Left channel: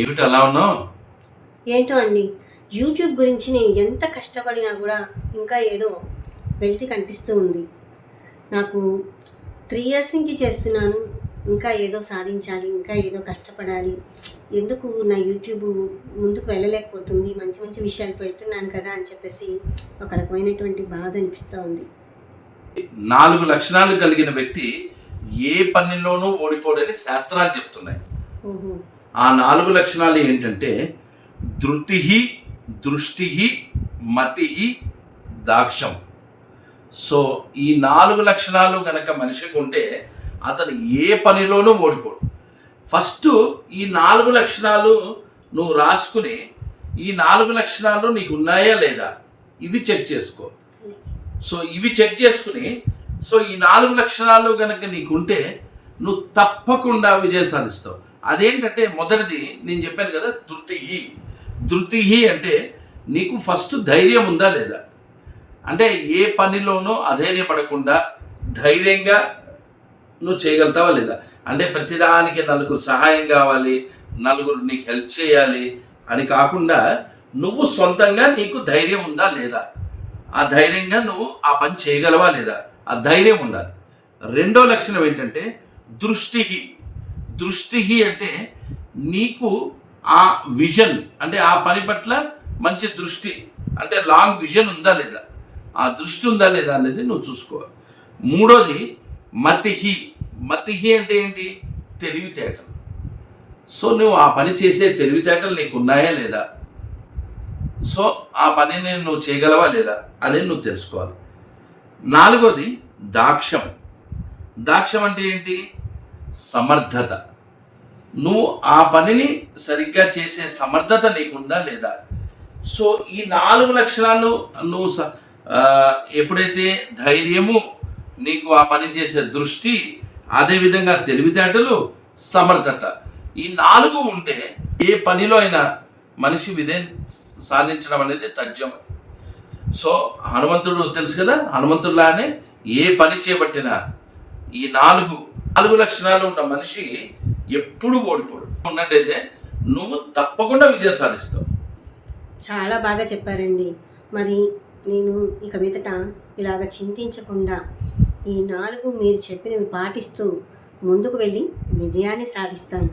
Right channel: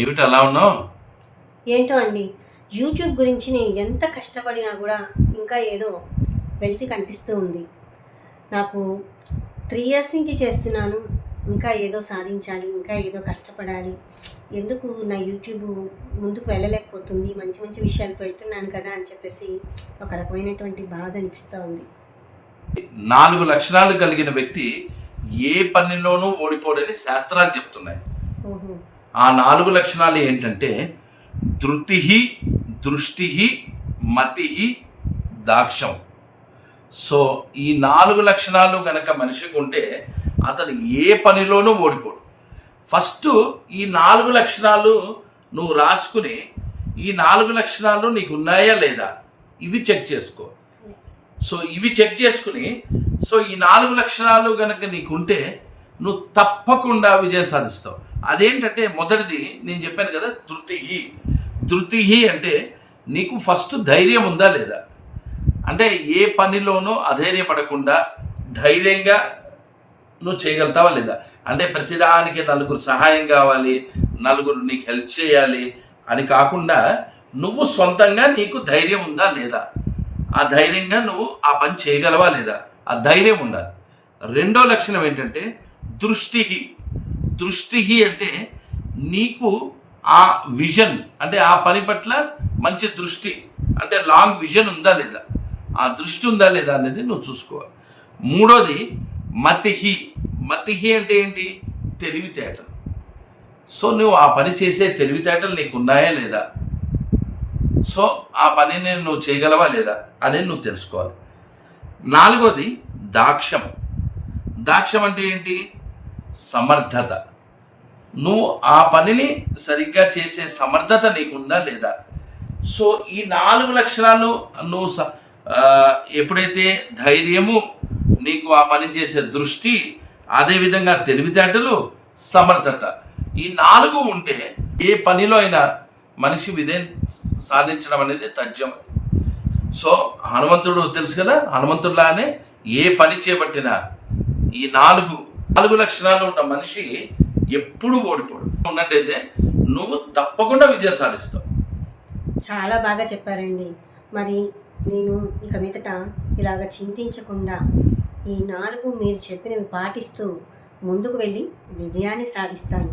ఏమిటి అలా ఉన్నావు? ఏంటో అండి యూట్యూబ్ గురించి నేను ఎంత కష్టపడినా కూడా ఇంకా ఏదో వెళ్తి కనిపిస్తూ ఉంది. నాకు త్రీ ఇయర్స్ నుంచి చేస్తున్నాను ఇంకా ఏదో సాధించాలి ఇంకా ఏదో కష్టపడాలి. ఎందుకు నా యూట్యూబ్ ముందుకు వెళ్ళలేకపోతుంది మంచి మంచి విషయాలు పెడుతున్నాను కదా అని చెప్పేసి ఒక రకమైనటువంటి బాధ అనిపిస్తూ ఉంది. నాలుగు లక్షణాలు కలిగిన వ్యక్తి ఏ పనిలోనూ ఓడిపోడని శాస్త్రాలు చెప్తున్నాయి. ఆ నాలుగు లక్షణాలు ఏంటంటే ధృతి దృష్టి మతి దాక్షం. సో ఈ నాలుగు లక్షణాలు గనక మనిషికి ఉంటే అతను ఏ పనిలోనూ ఓడిపోడు. ఫస్ట్ ఈ నాలుగు లక్షణాలు నువ్వు రాసుకుని ఈ నాలుగు లక్షణాలు నీకు ఉన్నాయా లేదా? ఇవి చెక్ చేసుకో. సో ఇవి చెక్ చేసుకుని సో ఈ నాలుగు లక్షణాలు కనుక నీకుంటే నువ్వు తప్పకుండా విజయం సాధిస్తావు. అదేంటంటే మొదటిది నేను చెప్పాను కదా ధృతి ధృతి అంటే నీకు ఫస్ట్ ధైర్యం ఉందా లేదా? అంటే ఏ పనిలోనూ అధైర్యపడకుండా ధైర్యంగా నువ్వు చేయగలుగుతావా లేదా? అంటే ప్రతిదానికి నలుగురు సహాయం కావాలి నలుగురు నీకు హెల్ప్ చేయాలి అని కాకుండా నువ్వు సొంతంగా నీకు ధైర్యం ఉందా లేదా? ఆ ధైర్యంగా నువ్వు ఆ పని చేయగలవా లేదా? ఆ ధైర్యం ఉండాలి. రెండో లక్షణం ఏంటంటే దృష్టిహి. దృష్టిహి అంటే నీకు ఆ విజన్ అంటే ఆ పని పట్ల మంచి దృష్టి అంటే లాంగ్ విజన్ ఉందా లేదా? ఆ దృష్టి ఉందా లేదా అనేది నువ్వు చూసుకోవాలి. మూడోది మతిహి. మతిహి అంటే ఏంటి? తెలివితేటలు. సో నువ్వు ఆ పని చేసే తెలివితేటలు నీకు ఉన్నాయా లేదా? సో ఆ పనిని నువ్వు చేయగలవా లేదా అనేది నువ్వు తెలుసుకోవాలి. నాలుగోది దాక్ష్యం దాక్ష్యం అంటే ఏంటి? సమర్థత. నువ్వు ఆ పనిని సరిగ్గా చేసే సమర్థత నీకుందా లేదా? సో ఈ నాలుగు లక్షణాలు నువ్వు స- ఎప్పుడైతే ధైర్యము నీకు ఆ పని చేసే దృష్టి అదేవిధంగా తెలివితేటలు సమర్థత. ఈ నాలుగు ఉంటే ఏ పనిలో అయినా మనిషి విధే సాధించడం అనేది తథ్యం. సో హనుమంతుడు తెలుసు కదా హనుమంతుడిలానే ఏ పని చేపట్టినా ఈ నాలుగు నాలుగు లక్షణాలు ఉన్న మనిషి ఎప్పుడు ఓడిపోడు. ఉన్నట్టయితే నువ్వు తప్పకుండా విజయం సాధిస్తావు. చాలా బాగా చెప్పారండి. మరి నేను ఇక మీదట ఇలాగ చింతించకుండా ఈ నాలుగు మీరు చెప్పినవి పాటిస్తూ ముందుకు వెళ్ళి విజయాన్ని సాధిస్తాను.